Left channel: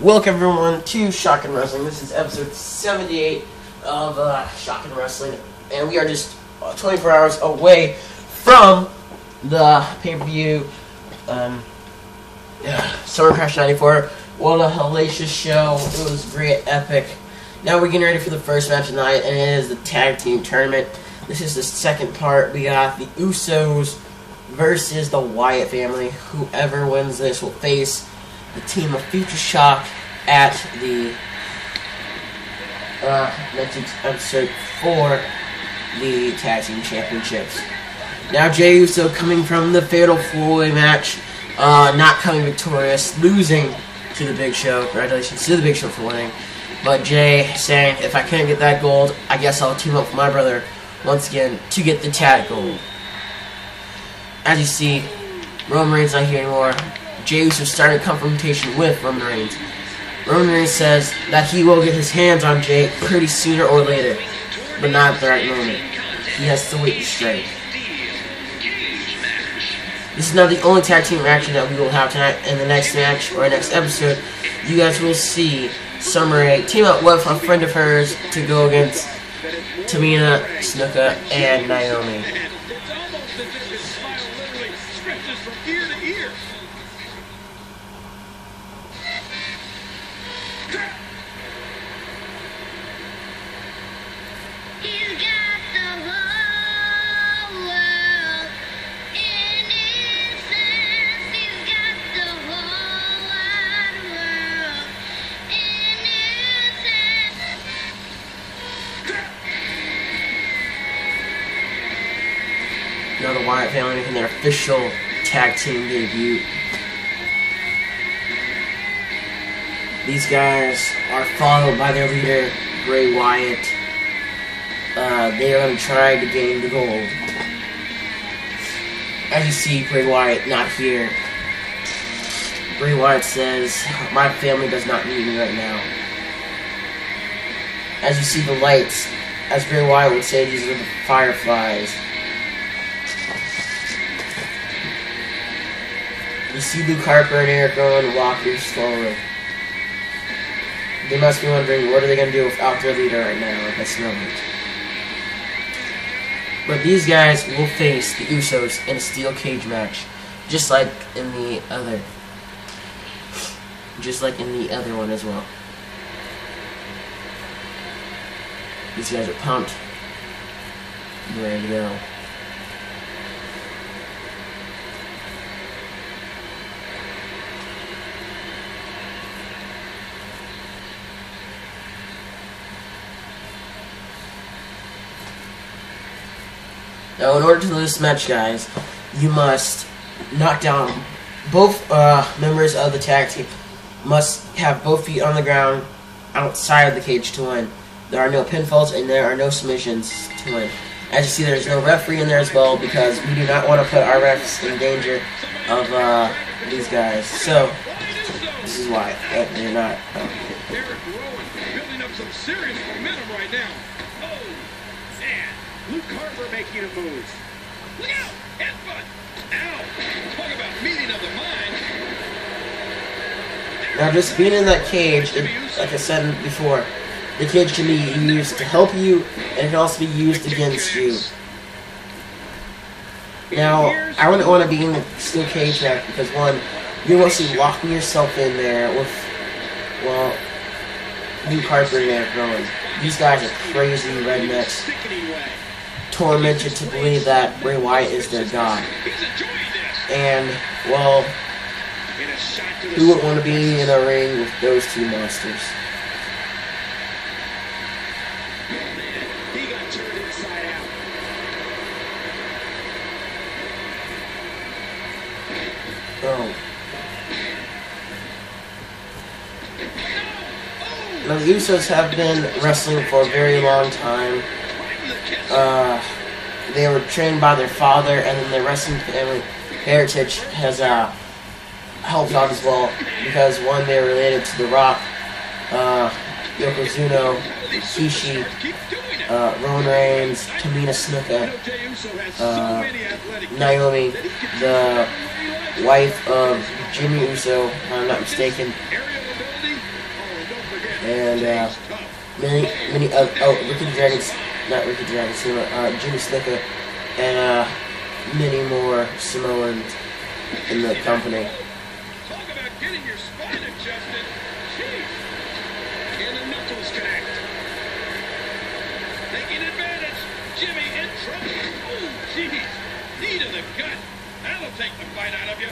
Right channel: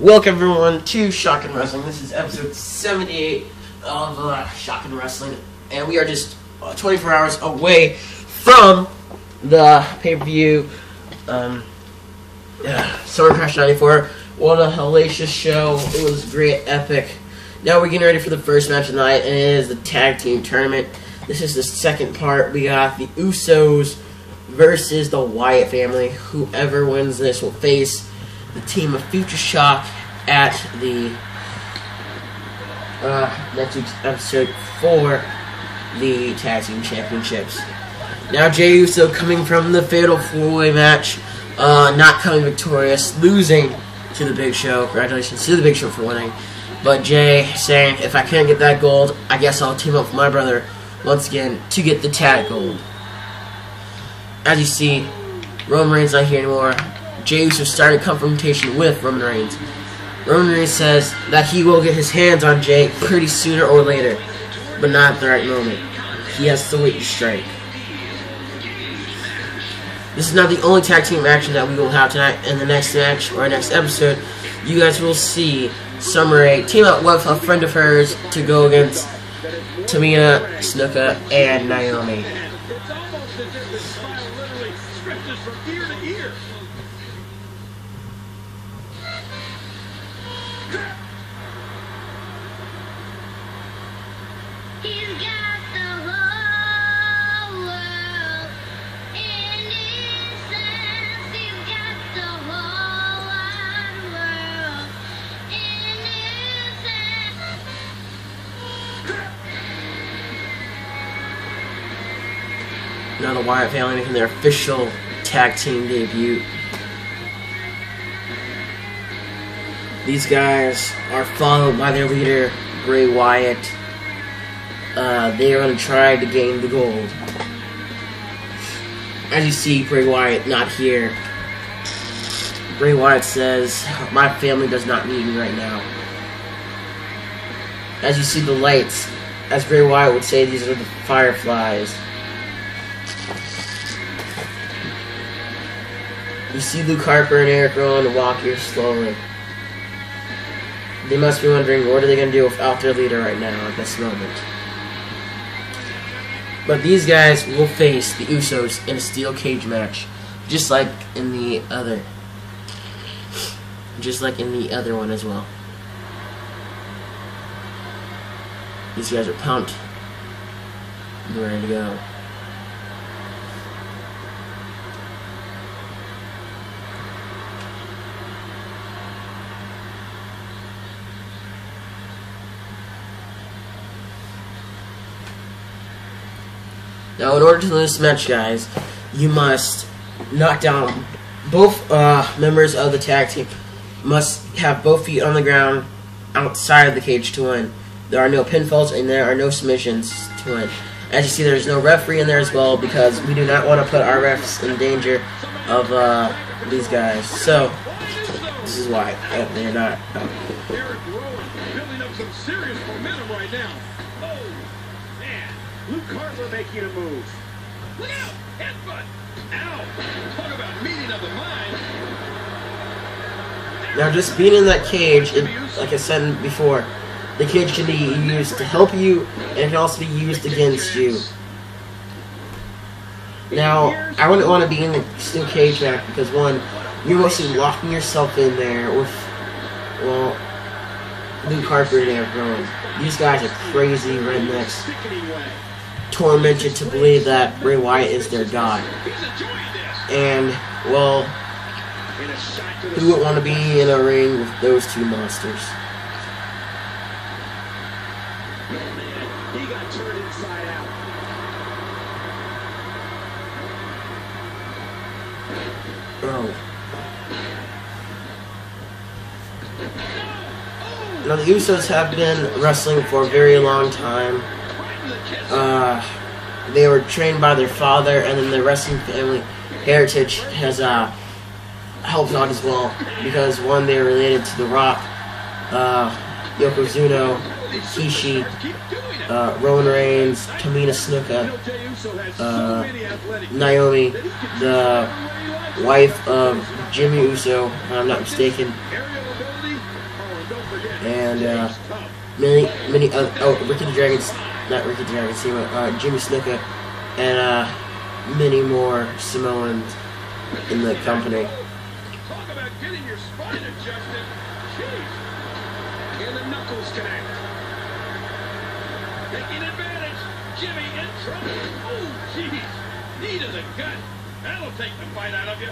Welcome everyone to Shotgun Wrestling. This is episode 78 of Shotgun Wrestling, and we are just 24 hours away from the pay-per-view Summer Crash 94. What a hellacious show. It was great, epic. Now we're getting ready for the first match of the night, and it is the tag team tournament. This is the second part. We got the Usos versus the Wyatt family. Whoever wins this will face the team of Future Shock at the next week's episode for the tag team championships. Now Jey Uso coming from the fatal four-way match, not coming victorious, losing to the Big Show. Congratulations to the Big Show for winning. But Jey saying, if I can't get that gold, I guess I'll team up with my brother once again to get the tag gold. As you see, Roman Reigns not here anymore. Jey Uso started confrontation with Roman Reigns. Roman Reigns says that he will get his hands on Jey pretty sooner or later, but not at the right moment. He has to wait to strike. This is not the only tag team action that we will have tonight. In the next match, or next episode, you guys will see Summer Rae team up with a friend of hers to go against Tamina, Snuka, and Naomi. Now the Wyatt family making their official tag team debut. These guys are followed by their leader, Bray Wyatt. They are going to try to gain the gold. As you see, Bray Wyatt not here. Bray Wyatt says, my family does not need me right now. As you see the lights, as Bray Wyatt would say, these are the fireflies. You see Luke Harper and Eric Rowan walk here slowly. They must be wondering, what are they going to do without their leader right now at this moment? But these guys will face the Usos in a steel cage match, just like in the other one as well. These guys are pumped and ready to go. Now, in order to win this match, guys, you must knock down both members of the tag team. Must have both feet on the ground outside of the cage to win. There are no pinfalls and there are no submissions to win. As you see, there's no referee in there as well because we do not want to put our refs in danger of these guys. So, this is why they're not. Eric Rowan building up some serious momentum right now. Oh, man. Luke Harper making a move. Look out! Headbutt! Ow! Talk about meeting of the mind. Now, just being in that cage, like I said before, the cage can be used to help you, and it can also be used against you. Now, I wouldn't want to be in the steel cage match because, one, you're mostly locking yourself in there with, well, Luke Harper and Eric Rowan. These guys are crazy rednecks, tormented to believe that Bray Wyatt is their god. And, well, who would want to be in a ring with those two monsters? He got turned inside out. Oh. Now, the Usos have been wrestling for a very long time. They were trained by their father, and then their wrestling family heritage has helped out as well. Because, one, they're related to The Rock, Yokozuna, Rikishi, Roman Reigns, Tamina Snuka, Naomi, the wife of Jimmy Uso, if I'm not mistaken. and Ricky the Dragon's, not Ricky the Dragon, Jimmy Snuka, and many more Samoans in the company. Talk about getting your spine adjusted. Jeez. And the knuckles connect. Taking advantage. Jimmy in trouble. Oh, jeez. Knee to the gut. That'll take the fight out of you.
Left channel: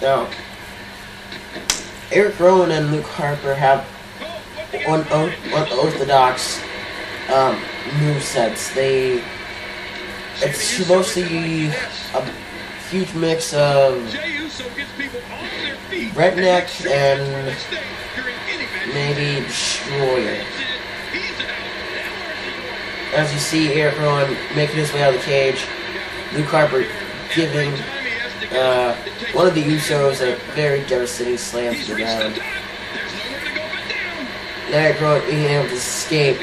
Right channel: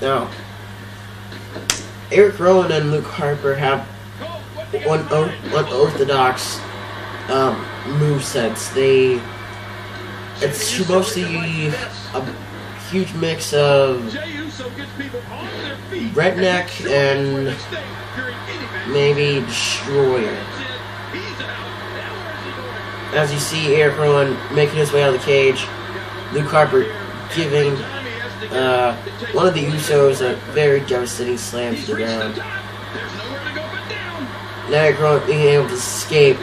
Now, Eric Rowan and Luke Harper have unorthodox movesets. It's mostly a huge mix of redneck and maybe destroyer. As you see Eric Rowan making his way out of the cage, Luke Harper giving one of the Usos a very devastating slam to the ground. And Eric Rowan being able to escape,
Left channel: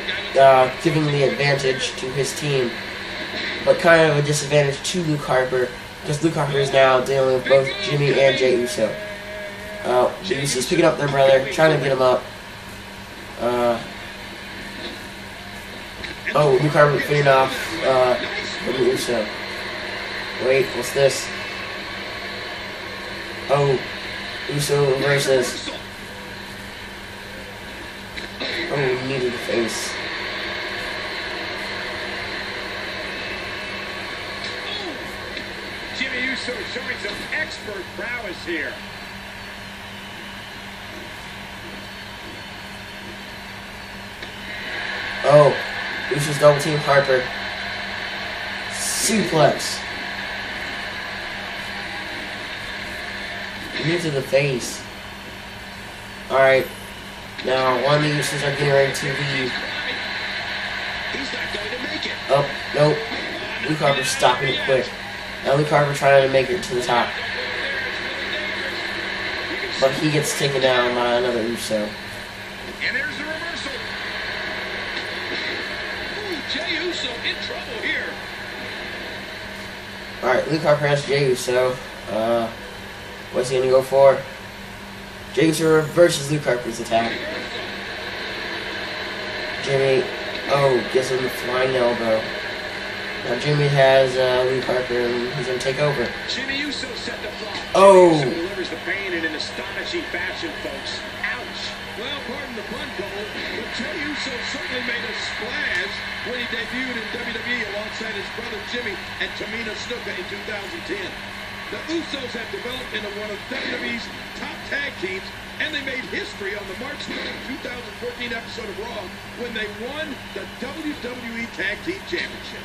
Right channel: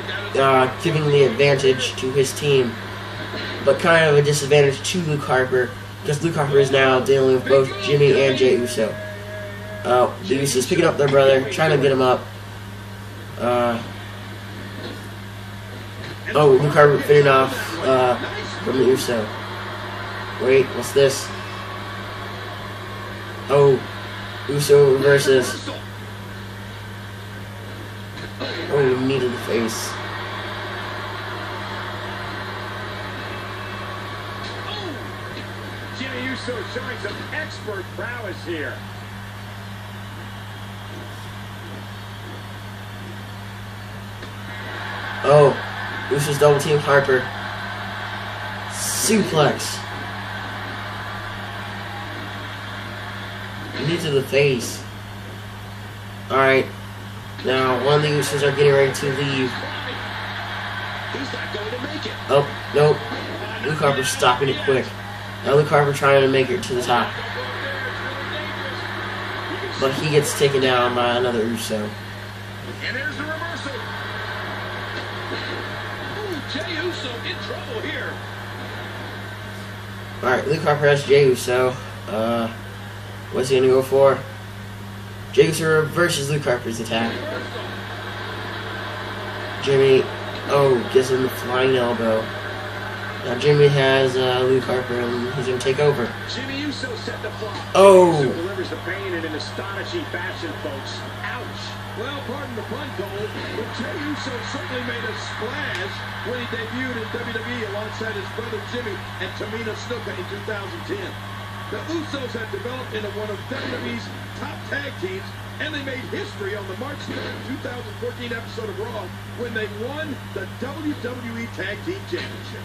giving the advantage to his team, but kind of a disadvantage to Luke Harper, because Luke Harper is now dealing with both Jimmy and Jey Uso. The Usos picking up their brother, trying to get him up. Luke Harper fending off from the Uso. Wait, what's this? Uso reverses. Knee to the face. Jimmy Uso showing some expert prowess here. Uso's double team Harper. Suplex. Knee to the face. Alright. Now, one of the Usos are getting ready to leave. He's not going to make it. Oh, nope. Luke Harper's stopping it quick. Now Luke Harper trying to make it to the top. But he gets taken down by another Uso. And there's the reversal. Ooh, Jey Uso in trouble here. Alright, Luke Harper has Jey Uso. What's he gonna go for? Jey Uso reverses Luke Harper's attack. Jimmy, gives him the flying elbow. Now Jimmy has Luke Harper and he's gonna take over. Jimmy Uso set the block. Oh! Uso delivers the pain in an astonishing fashion, folks. Ouch! Well, pardon the pun, Cole, but Jey Uso certainly made a splash when he debuted in WWE alongside his brother Jimmy and Tamina Snuka in 2010. The Usos have developed into one of WWE's top tag teams, and they made history on the March 3rd, 2014 episode of Raw when they won the WWE Tag Team Championship.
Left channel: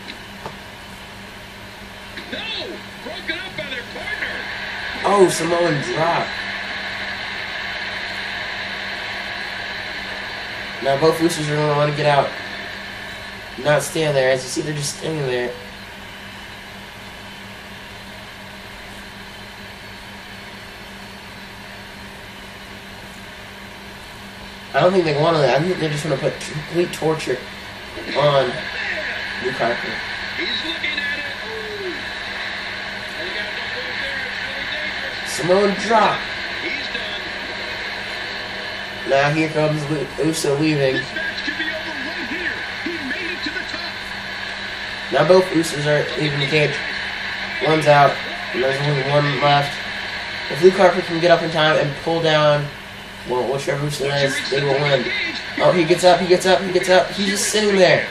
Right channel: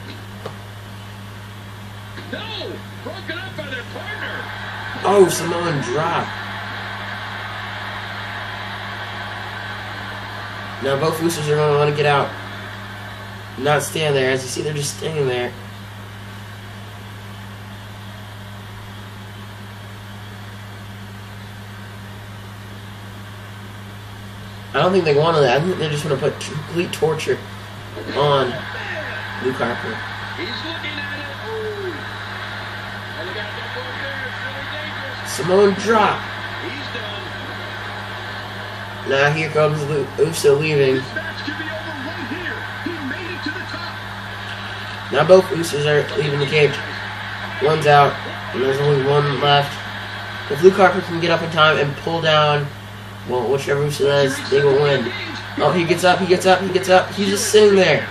No! Broken up by their partner! Samoan drop. Now both Usos are going to want to get out. Not stand there. As you see, they're just standing there. I don't think they want that. I think they just want to put complete torture on Luke Harper. He's looking at it. Ooh. And he got no rope there. It's really dangerous. Samoan drop. He's done. Now here comes Uso leaving. This match could be over right here. He made it to the top. Now both Usos are leaving the cage. One's out, and there's only one left. If Luke Harper can get up in time and pull down, well, whichever Uso that is, they will win. He gets up, he gets up, he gets up. He's just sitting there.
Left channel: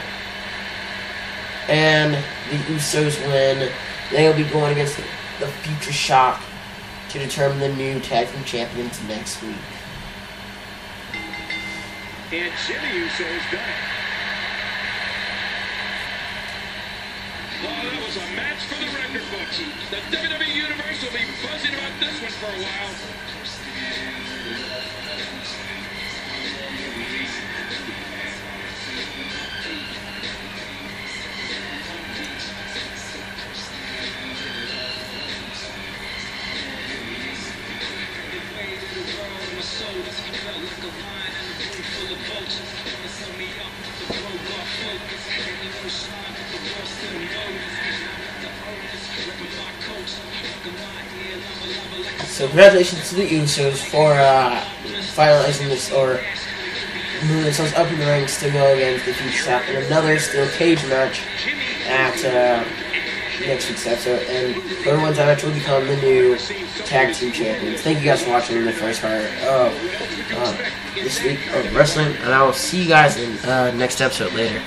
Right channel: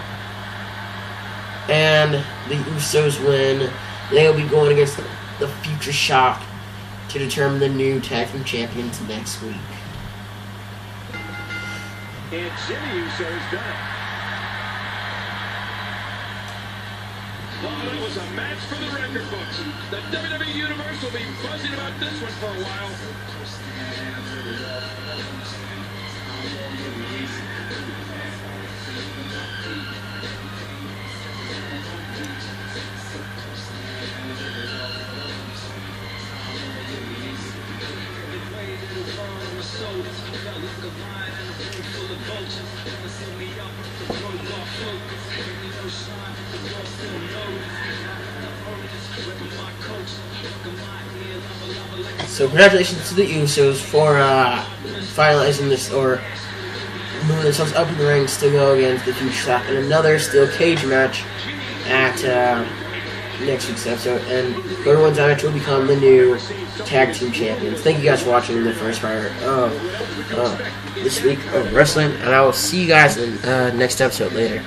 And the Usos win. They'll be going against the Future Shock to determine the new tag team champions next week. And Jimmy Uso's done it. Oh, that was a match for the record books. The WWE Universe will be buzzing about this one for a while. So congratulations to the Usos for finalizing this, or moving themselves up in the ranks to go against the Future Shock in another steel cage match at next week's episode. And whoever wins that match will become the new tag team champions. Thank you guys for watching the first part of this week of wrestling, and I will see you guys in next episode later.